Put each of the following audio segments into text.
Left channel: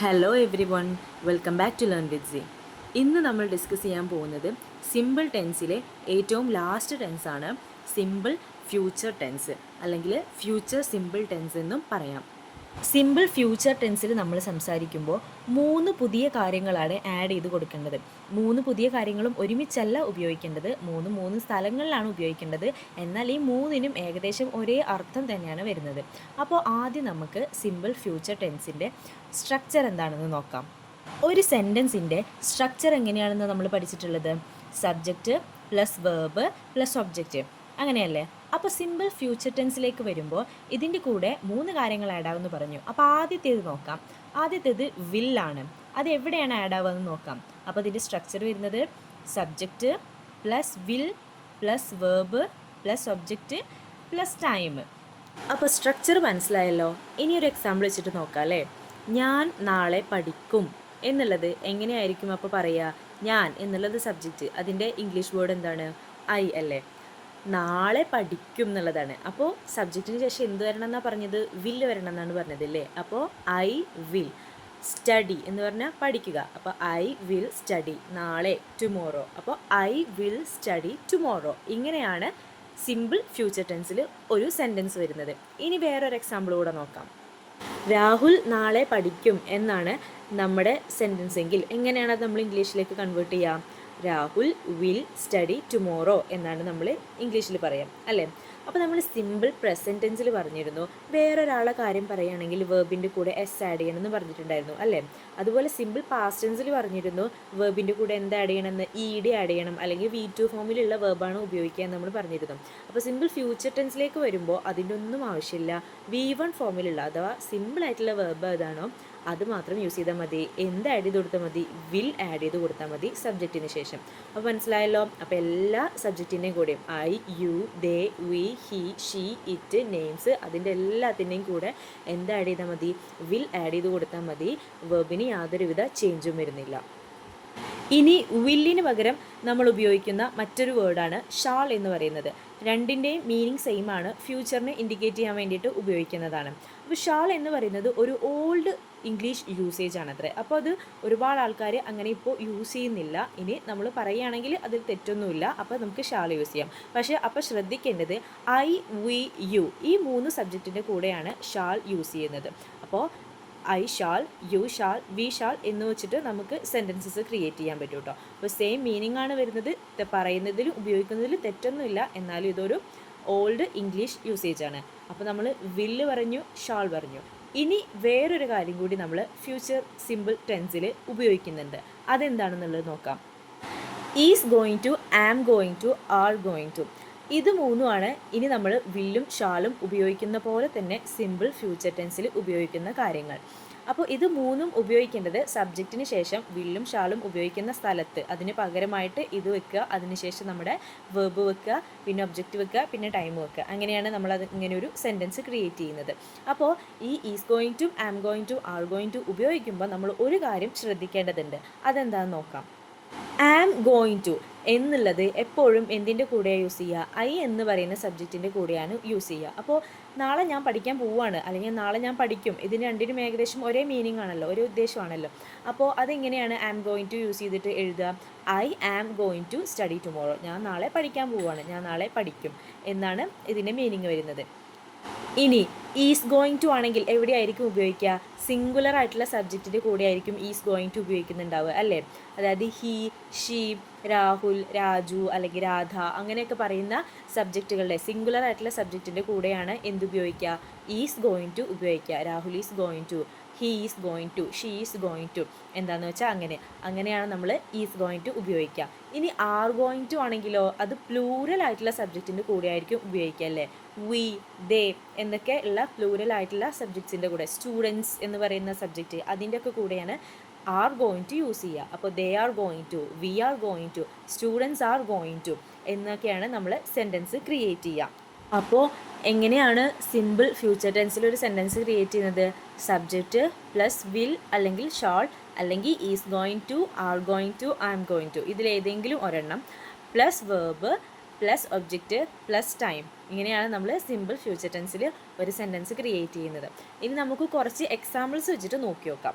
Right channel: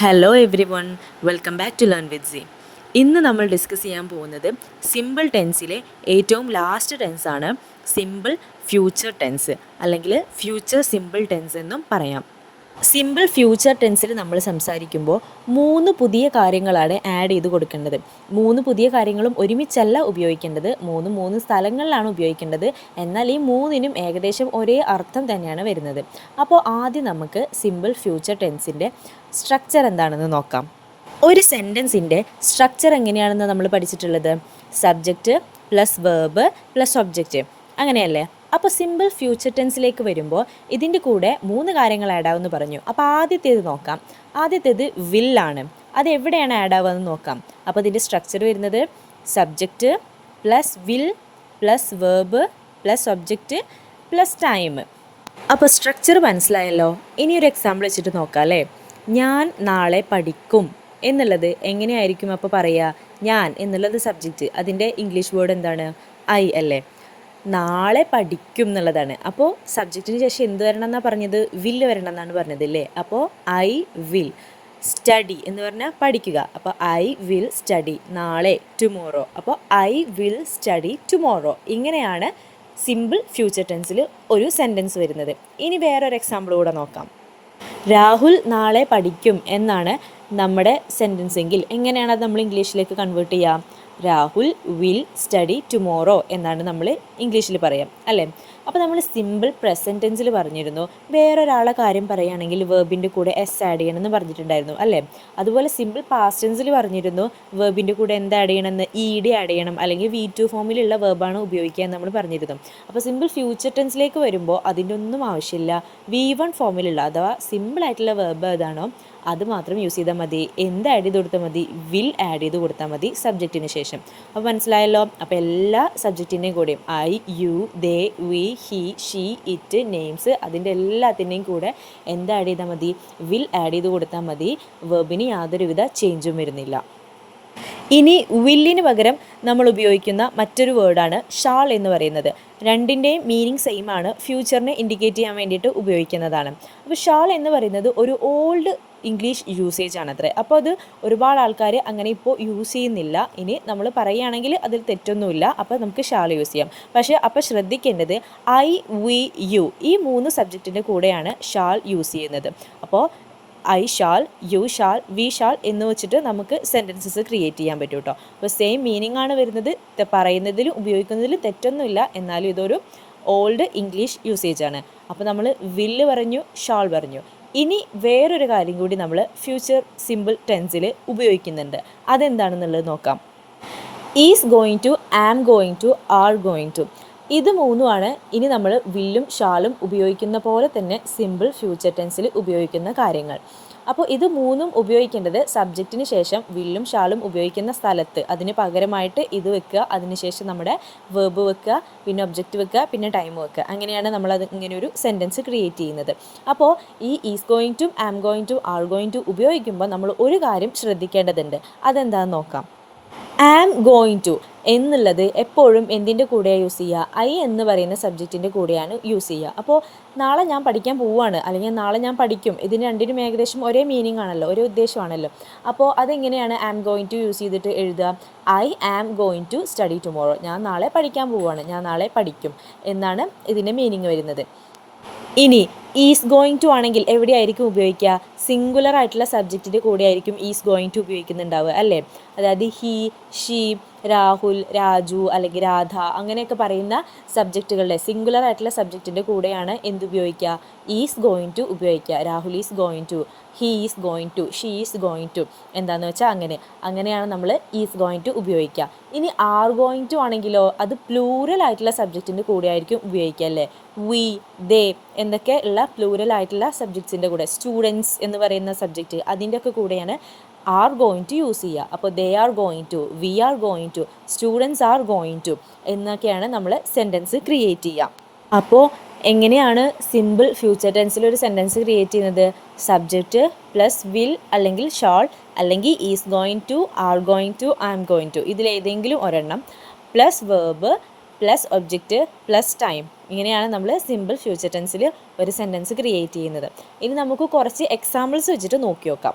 Hello everyone, welcome back to learn with C. ഇന്ന് നമ്മൾ discuss ചെയ്യാൻ പോകുന്നത് സിമ്പിൾ ടെൻസിലെ ഏറ്റവും ലാസ്റ്റ് ടെൻസാണ് സിമ്പിൾ ഫ്യൂച്ചർ ടെൻസ്, അല്ലെങ്കിൽ ഫ്യൂച്ചർ സിമ്പിൾ ടെൻസ് എന്നും പറയാം. സിമ്പിൾ ഫ്യൂച്ചർ ടെൻസിൽ നമ്മൾ സംസാരിക്കുമ്പോൾ 3 പുതിയ കാര്യങ്ങളാണ് ആഡ് ചെയ്ത് കൊടുക്കേണ്ടത്. 3 പുതിയ കാര്യങ്ങളും ഒരുമിച്ചല്ല ഉപയോഗിക്കേണ്ടത്, 3 സ്ഥലങ്ങളിലാണ് ഉപയോഗിക്കേണ്ടത്. എന്നാൽ ഈ 3നും ഏകദേശം ഒരേ അർത്ഥം തന്നെയാണ് വരുന്നത്. അപ്പോൾ ആദ്യം നമുക്ക് സിമ്പിൾ ഫ്യൂച്ചർ ടെൻസിൻ്റെ സ്ട്രക്ചർ എന്താണെന്ന് നോക്കാം. ഒരു സെൻറ്റൻസിൻ്റെ സ്ട്രക്ചർ എങ്ങനെയാണെന്ന് നമ്മൾ പഠിച്ചിട്ടുള്ളത് subject plus verb plus object, അങ്ങനെയല്ലേ? അപ്പോൾ സിമ്പിൾ ഫ്യൂച്ചർ ടെൻസിലേക്ക് വരുമ്പോൾ ഇതിൻ്റെ കൂടെ 3 കാര്യങ്ങൾ ആഡ് ആവുമെന്ന് പറഞ്ഞു. അപ്പോൾ ആദ്യത്തേത് നോക്കാം. ആദ്യത്തേത് വില്ലാണ്. അത് എവിടെയാണ് ആഡ് ആവുകയെന്ന് നോക്കാം. അപ്പോൾ ഇതിൻ്റെ സ്ട്രക്ചർ വരുന്നത് subject plus will plus verb plus object plus time. അപ്പോൾ സ്ട്രക്ചർ മനസ്സിലായല്ലോ. ഇനി ഒരു എക്സാമ്പിൾ വെച്ചിട്ട് നോക്കാം അല്ലേ. ഞാൻ നാളെ പഠിക്കും എന്നുള്ളത് എങ്ങനെയായിരിക്കും അപ്പോൾ പറയുക? ഞാൻ എന്നുള്ളത് സബ്ജക്റ്റ്, അതിൻ്റെ ഇംഗ്ലീഷ് വേർഡ് എന്താണ്? ഐ അല്ലേ? നാളെ പഠിക്കും എന്നുള്ളതാണ്. അപ്പോൾ സബ്ജക്റ്റിന് ശേഷം എന്ത് വരണം എന്നാണ് പറഞ്ഞത്? വില്ല് വരണം എന്നാണ് പറഞ്ഞത് അല്ലേ? അപ്പോൾ ഐ വിൽ സ്റ്റഡി എന്ന് പറഞ്ഞാൽ പഠിക്കുക. അപ്പോൾ ഐ വിൽ സ്റ്റഡി നാളെ, ടുമോറോ. അപ്പോൾ ഐ വിൽ സ്റ്റഡി ടുമോറോ. ഇങ്ങനെയാണ് സിമ്പിൾ ഫ്യൂച്ചർ ടെൻസിൽ ഒരു സെൻറ്റൻസ് വരുന്നത്. ഇനി വേറൊരു എക്സാമ്പിൾ കൂടെ നോക്കാം. രാഹുൽ നാളെ പഠിക്കും എന്നാണ് നമ്മുടെ സെൻറ്റൻസ് എങ്കിൽ എങ്ങനെയാണ് അത് നമ്മൾ ഇംഗ്ലീഷിലേക്ക് കൺവേർട്ട് ചെയ്യുക? രാഹുൽ വിൽ സ്റ്റഡി ടുമോറോ എന്നാണ് നമ്മൾ ഇംഗ്ലീഷിൽ പറയാം അല്ലേ? അപ്പോൾ നമ്മൾ സിമ്പിൾ പ്രസൻറ്റ് ടെൻസിൽ പറഞ്ഞിരുന്നു വേറൊരാളെ കാര്യം പറയുകയാണെങ്കിൽ വേർബിൻ്റെ കൂടെ എസ് ആഡ് ചെയ്യണമെന്ന് പറഞ്ഞിട്ടുണ്ടായിരുന്നു അല്ലേ? അതുപോലെ സിമ്പിൾ പാസ്റ്റ് ടെൻസിൽ പറഞ്ഞിരുന്നു വേർബിൻ്റെ കൂടെ എന്ത് ആഡ് ചെയ്യണമെന്ന്? ഇ ആഡ് ചെയ്യണം, അല്ലെങ്കിൽ V2 ഫോമിലുള്ള വേർബാണ് ഉപയോഗിക്കുക എന്ന് നമ്മൾ പറഞ്ഞിരുന്നു. അപ്പോൾ സിമ്പിൾ ഫ്യൂച്ചർ ടെൻസിലേക്ക് വരുമ്പോൾ അതിൻ്റെ ഒന്നും ആവശ്യമില്ല. V1 ഫോമിലുള്ള അഥവാ സിമ്പിൾ ആയിട്ടുള്ള വേർബ് ഏതാണോ അത് മാത്രം യൂസ് ചെയ്താൽ മതി. എന്ത് ആഡ് ചെയ്ത് കൊടുത്താൽ മതി? വിൽ ആഡ് ചെയ്ത് കൊടുത്താൽ മതി സബ്ജക്റ്റിന് ശേഷം. അപ്പോൾ മനസ്സിലായല്ലോ. അപ്പോൾ എല്ലാ സബ്ജക്റ്റിൻ്റെയും കൂടെയും I, you, they, we, he, she, it, names, അതിൻ്റെ എല്ലാത്തിൻ്റെയും കൂടെ എന്ത് ആഡ് ചെയ്താൽ മതി? വിൽ ആഡ് ചെയ്ത് കൊടുത്താൽ മതി. വെർബിന് യാതൊരുവിധ ചേഞ്ചും വരുന്നില്ല. ഇനി വില്ലിന് പകരം നമ്മൾ ഉപയോഗിക്കുന്ന മറ്റൊരു വേർഡാണ് ഷാൾ എന്ന് പറയുന്നത്. രണ്ടിൻ്റെയും മീനിങ് സെയിം ആണ്, ഫ്യൂച്ചറിനെ ഇൻഡിക്കേറ്റ് ചെയ്യാൻ വേണ്ടിയിട്ട് ഉപയോഗിക്കുന്നതാണ്. അപ്പോൾ ഷാൾ എന്ന് പറയുന്നത് ഒരു ഓൾഡ് ഇംഗ്ലീഷ് യൂസേജ് ആണത്രേ. അപ്പോൾ അത് ഒരുപാട് ആൾക്കാർ അങ്ങനെ ഇപ്പോൾ യൂസ് ചെയ്യുന്നില്ല. ഇനി നമ്മൾ പറയുകയാണെങ്കിൽ അതിൽ തെറ്റൊന്നുമില്ല. അപ്പോൾ നമുക്ക് ഷാൾ യൂസ് ചെയ്യാം. പക്ഷേ അപ്പോൾ ശ്രദ്ധിക്കേണ്ടത് ഐ, വി, യു ഈ 3 സബ്ജക്റ്റിൻ്റെ കൂടെയാണ് ഷാൾ യൂസ് ചെയ്യുന്നത്. അപ്പോൾ I shawl, U shawl, we shall എന്ന് വെച്ചിട്ട് നമുക്ക് സെൻറ്റൻസസ് ക്രിയേറ്റ് ചെയ്യാൻ പറ്റും കേട്ടോ. അപ്പോൾ സെയിം മീനിങ് ആണ് വരുന്നത്. പറയുന്നതിലും ഉപയോഗിക്കുന്നതിലും തെറ്റൊന്നുമില്ല. എന്നാലും ഇതൊരു ഓൾഡ് ഇംഗ്ലീഷ് യൂസേജ് ആണ്. അപ്പോൾ നമ്മൾ വില്ല് പറഞ്ഞു, ഷാൾ പറഞ്ഞു. ഇനി വേറൊരു കാര്യം കൂടി നമ്മൾ ഫ്യൂച്ചർ സിമ്പിൾ ടെൻസിൽ ഉപയോഗിക്കുന്നുണ്ട്. അതെന്താണെന്നുള്ളത് നോക്കാം. Is going to, am going to, are going to. ഇത് 3ആണ് ഇനി നമ്മൾ വില്ലും ഷാളും ഉപയോഗിക്കുന്ന പോലെ തന്നെ സിമ്പിൾ ഫ്യൂച്ചർ ടെൻസിൽ ഉപയോഗിക്കുന്ന കാര്യങ്ങൾ. അപ്പോൾ ഇത് 3ഉം ഉപയോഗിക്കേണ്ടത് സബ്ജക്റ്റിന് ശേഷം വില്ലും ഷാളും ഉപയോഗിക്കുന്ന സ്ഥലത്ത് അതിന് പകരമായിട്ട് ഇത് വെക്കുക, അതിനുശേഷം നമ്മുടെ വേർബ് വെക്കുക, പിന്നെ ഒബ്ജക്റ്റ് വെക്കുക, പിന്നെ ടൈം വെക്കുക. അങ്ങനെയാണ് നമ്മളത് ഇങ്ങനെ ഒരു സെൻറ്റൻസ് ക്രിയേറ്റ് ചെയ്യുന്നത്. അപ്പോൾ ഈ is going to, am going to, are going to ഉപയോഗിക്കുമ്പോൾ നമ്മൾ ഒരു കാര്യം ശ്രദ്ധിക്കേണ്ടതുണ്ട്. അതെന്താണെന്ന് നോക്കാം. ആം ഗോയിങ് ടു എന്നുള്ളത് എപ്പോഴും എന്തിൻ്റെ കൂടെയാണ് യൂസ് ചെയ്യുക? ഐ എന്ന് പറയുന്ന സബ്ജക്റ്റിൻ്റെ കൂടെയാണ് യൂസ് ചെയ്യുക. അപ്പോൾ നാളെ ഞാൻ പഠിക്കാൻ പോവുകയാണ്, അല്ലെങ്കിൽ നാളെ ഞാൻ പഠിക്കും, ഇതിന് രണ്ടിനും ഏകദേശം ഒരേ മീനിങ് ആണല്ലോ, ഒരേ ഉദ്ദേശമാണല്ലോ. അപ്പോൾ അതെങ്ങനെയാണ് ആം ഗോയിങ് ടു യൂസ് ചെയ്തിട്ട് എഴുതുക? I am going to study tomorrow. ഞാൻ നാളെ പഠിക്കാൻ പോവുകയാണ്, ഞാൻ നാളെ പഠിക്കും എന്നാണ് ഇതിൻ്റെ മീനിങ് വരുന്നത്. ഇനി ഈസ് ഗോയിങ് ടു ആണെങ്കിൽ എവിടെയായിരിക്കും ഉപയോഗിക്കുക? സിംഗുലർ ആയിട്ടുള്ള സബ്ജക്റ്റിൻ്റെ കൂടെ ആയിരിക്കും ഈസ് ഗോയിങ് ടു ഉപയോഗിക്കുന്നുണ്ടാവുക അല്ലേ? അതായത് ഹി, ഷീ, രാഹുൽ, രാജു അല്ലെങ്കിൽ രാധ അങ്ങനെയൊക്കെ പറയുന്ന സബ്ജക്റ്റുകളുടെ സിംഗുലർ ആയിട്ടുള്ള സബ്ജക്റ്റിൻ്റെ കൂടെയാണ് എന്തുപയോഗിക്കുക? ഈസ് ഗോയിങ് ടു ഉപയോഗിക്കുക. Rahul is going to, he is going to, she is going to, എന്താണെന്ന് വെച്ചാൽ അങ്ങനെയാണ് നമ്മൾ ഈസ് ഗോയിങ് ടു ഉപയോഗിക്കുക. ഇനി ആർ ഗോയിങ് ടു ആണെങ്കിലോ അത് പ്ലൂറൽ ആയിട്ടുള്ള സബ്ജക്റ്റിൻ്റെ കൂടെ ആയിരിക്കും ഉപയോഗിക്കുക അല്ലേ? വി, ദേ എന്നൊക്കെ ഉള്ള പ്ലൂറൽ ആയിട്ടുള്ള സബ്ജക്ട്സിൻ്റെ കൂടെ, സ്റ്റുഡൻസ് എന്ന് പറയുന്ന സബ്ജക്റ്റ് അതിൻ്റെയൊക്കെ കൂടെയാണ് ആർ ഗോയിങ് ടു യൂസ് ചെയ്യുക. അപ്പോൾ they are going to, we are going to, students are going to എന്നൊക്കെയാണ് നമ്മൾ സെൻറ്റൻസ് ക്രിയേറ്റ് ചെയ്യുക. അപ്പോൾ എങ്ങനെയാണ് സിമ്പിൾ ഫ്യൂച്ചർ ടെൻസിൽ ഒരു സെൻറ്റൻസ് ക്രിയേറ്റ് ചെയ്യുന്നത്? സബ്ജക്റ്റ് പ്ലസ് വിൽ അല്ലെങ്കിൽ ഷാൾ അല്ലെങ്കിൽ is going to, are going to, I am going to ഇതിലേതെങ്കിലും ഒരെണ്ണം plus verb plus object plus time. ഇങ്ങനെയാണ് നമ്മൾ സിമ്പിൾ ഫ്യൂച്ചർ ടെൻസിൽ ഒരു സെൻറ്റൻസ് ക്രിയേറ്റ് ചെയ്യുന്നത്. ഇനി നമുക്ക് കുറച്ച് എക്സാമ്പിൾസ് വെച്ചിട്ട് നോക്കി നോക്കാം.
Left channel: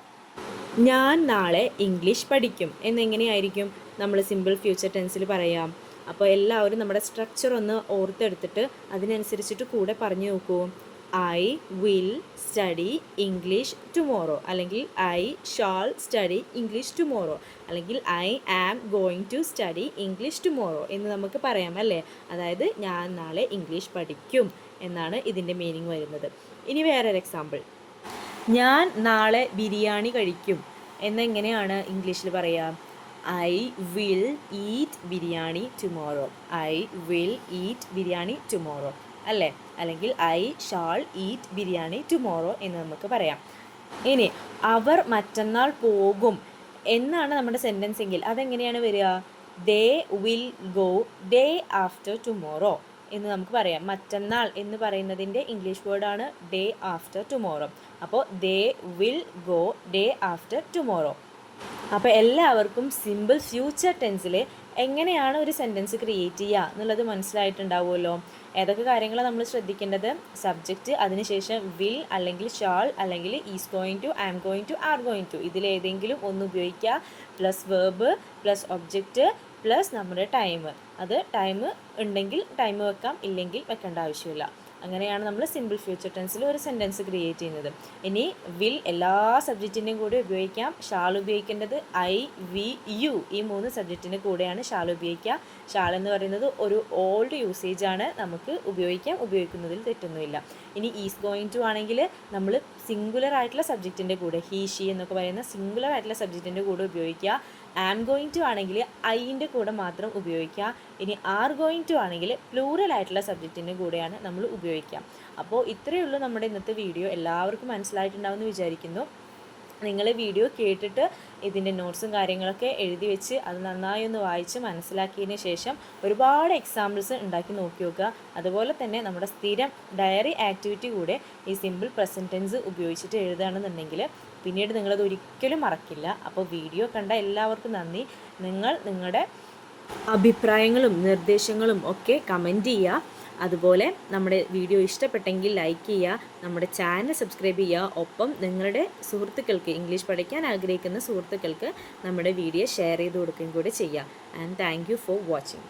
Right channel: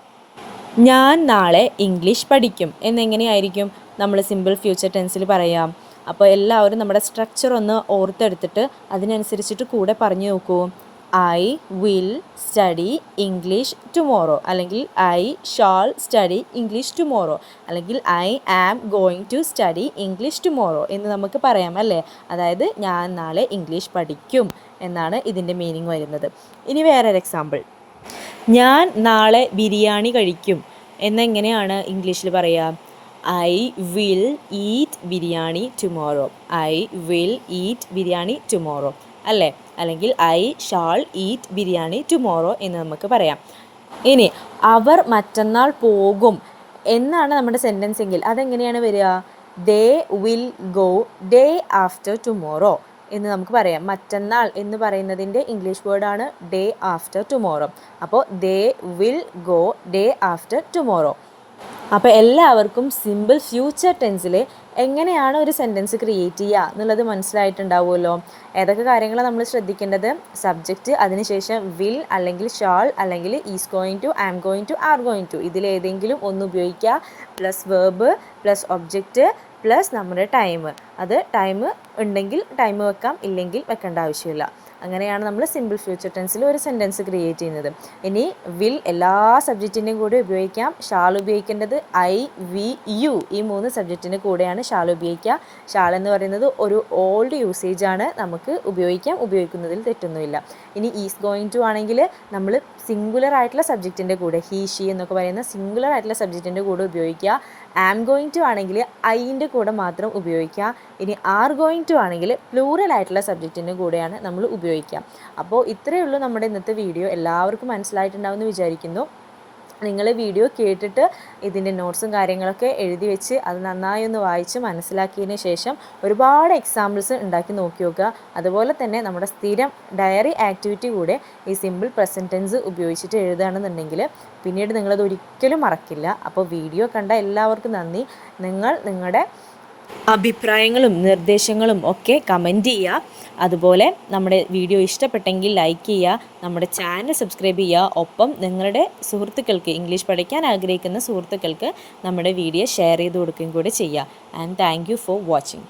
ഞാൻ നാളെ ഇംഗ്ലീഷ് പഠിക്കും എന്നെങ്ങനെയായിരിക്കും നമ്മൾ സിമ്പിൾ ഫ്യൂച്ചർ ടെൻസിൽ പറയാം. അപ്പോൾ എല്ലാവരും നമ്മുടെ സ്ട്രക്ചർ ഒന്ന് ഓർത്തെടുത്തിട്ട് അതിനനുസരിച്ചിട്ട് കൂടെ പറഞ്ഞു നോക്കൂ. I will study English tomorrow, അല്ലെങ്കിൽ I shall study English tomorrow, അല്ലെങ്കിൽ I am going to study English tomorrow എന്ന് നമുക്ക് പറയാം അല്ലേ. അതായത് ഞാൻ നാളെ ഇംഗ്ലീഷ് പഠിക്കും എന്നാണ് ഇതിൻ്റെ മീനിങ് വരുന്നത്. ഇനി വേറൊരു എക്സാമ്പിൾ. ഞാൻ നാളെ ബിരിയാണി കഴിക്കും എന്നെങ്ങനെയാണ് ഇംഗ്ലീഷിൽ പറയുക? I will eat biryani tomorrow. I will eat biryani tomorrow അല്ലേ. അല്ലെങ്കിൽ I shawl eat biryani tomorrow എന്ന് നമുക്ക് പറയാം. ഇനി അവർ മറ്റന്നാൾ പോകും എന്നാണ് നമ്മുടെ സെൻറ്റൻസ് എങ്കിൽ അതെങ്ങനെയാണ് വരിക? ദേ will go day after tomorrow എന്ന് നമുക്ക് പറയാം. മറ്റന്നാൾ എന്ന് പറയുന്നതിൻ്റെ ഇംഗ്ലീഷ് വേർഡാണ് ഡേ ആഫ്റ്റർ ടുമോറോ. അപ്പോൾ they will go day after tomorrow. അപ്പോൾ എല്ലാവർക്കും സിമ്പിൾ ഫ്യൂച്ചർ ടെൻസിൽ എങ്ങനെയാണ് ഒരു സെൻറ്റൻസ് ക്രിയേറ്റ് ചെയ്യുക എന്നുള്ളത് മനസ്സിലായിട്ടുണ്ടാവുമല്ലോ. ഏതൊക്കെ കാര്യങ്ങളാണ് നമ്മൾ ശ്രദ്ധിക്കേണ്ടത്? സബ്ജക്റ്റ്, അതിനുശേഷം വിൽ അല്ലെങ്കിൽ ഷാൾ അല്ലെങ്കിൽ is going to, am going to, are going to, ഇതിലേതെങ്കിലും ഒന്ന് ഉപയോഗിക്കുക. Plus verb plus object plus നമ്മുടെ ടൈം. അത് ടൈം ഉണ്ടെങ്കിൽ ടൈം വെക്കാം, ഇല്ലെങ്കിൽ വെക്കേണ്ട ആവശ്യമില്ല. അങ്ങനെയാണ് നമ്മൾ സിമ്പിൾ ഫ്യൂച്ചർ ടെൻസിൽ ഒരു സെൻറ്റൻസ് ക്രിയേറ്റ് ചെയ്യുന്നത്. ഇനി വിൽ എല്ലാ സബ്ജക്റ്റിൻ്റെയും കൂടെ ഉപയോഗിക്കാം. ഷാൾ ഉപയോഗിക്കേണ്ടത് ഐ, വി, യു ഈ 3 സബ്ജക്റ്റിൻ്റെ കൂടെയാണ് ഷാൾ ഉപയോഗിക്കുക. ഷാൾ എന്ന് പറയുന്നത് ഒരു ഓൾഡ് യൂസേജ് ആണ്, നമുക്ക് ഉപയോഗിക്കാം, ഉപയോഗിക്കുന്നതിൽ തെറ്റൊന്നുമില്ല. ഇനി ഈസ് ഗോയിങ് ടു ആണെങ്കിൽ നമ്മൾ സിംഗുലർ ആയിട്ടുള്ള സബ്ജക്റ്റിൻ്റെ കൂടെ, ഹീ ഷീ എന്നൊക്കെ പറയുന്ന സിംഗുലർ ആയിട്ടുള്ള സബ്ജക്റ്റിൻ്റെ കൂടെ ഉപയോഗിക്കുക. ആം ഗോയിങ് ടു ആണെങ്കിൽ ഐൻ്റെ കൂടെ മാത്രം ഉപയോഗിക്കുക. ഇനി ആർ ഗോയിങ് ടു ആണെങ്കിൽ പ്ലൂറൽ ആയിട്ടുള്ള സബ്ജക്റ്റിൻ്റെ കൂടെയാണ് നമ്മൾ ഉപയോഗിക്കുക. അപ്പോൾ ഇത്രയേ ഉള്ളൂ നമ്മുടെ ഇന്നത്തെ വീഡിയോ. എല്ലാവർക്കും മനസ്സിലായിട്ടുണ്ടാവുമെന്ന് വിചാരിക്കുന്നു. നിങ്ങൾ വീഡിയോ കേട്ടിട്ട് ഇതിൻ്റെ നോട്ട്സും കാര്യങ്ങളൊക്കെ എഴുതി വെച്ച് അത് നന്നായി ഒന്ന് വായിച്ച് മനസ്സിലാക്കിയതിന് ശേഷം ഒരുപാട് എക്സാമ്പിൾസ് ഉണ്ടാക്കി നോക്കി നോക്കുക. അതുപോലെ തന്നെ നമ്മുടെ സ്ഥിരം ഡയറി ആക്ടിവിറ്റി കൂടെ ഈ സിമ്പിൾ പ്രസൻറ്റ് ടെൻസ് ഉപയോഗിച്ചിട്ട് എഴുതുകയാണെന്നുണ്ടെങ്കിൽ പിന്നീട് നിങ്ങളത് ഒരിക്കലും മറക്കില്ല. അപ്പോൾ വീഡിയോ കണ്ട എല്ലാവർക്കും നന്ദി. നിങ്ങളുടെ അഭിപ്രായങ്ങളും നിർദ്ദേശങ്ങളും ഒക്കെ കമൻറ്റ് ചെയ്യുക. അതുപോലെ നമ്മുടെ വീഡിയോ ഇഷ്ടപ്പെട്ടെങ്കിൽ ലൈക്ക് ചെയ്യുക, നമ്മുടെ ചാനൽ സബ്സ്ക്രൈബ് ചെയ്യുക. ഒപ്പം നിങ്ങളുടെ സുഹൃത്തുക്കൾക്ക്, ഇംഗ്ലീഷ് പഠിക്കാൻ ആഗ്രഹിക്കുന്ന സുഹൃത്തുക്കൾക്ക് നമ്മുടെ വീഡിയോ ഷെയർ ചെയ്ത് കൊടുക്കുകയും കൂടി ചെയ്യുക. And thank you for watching.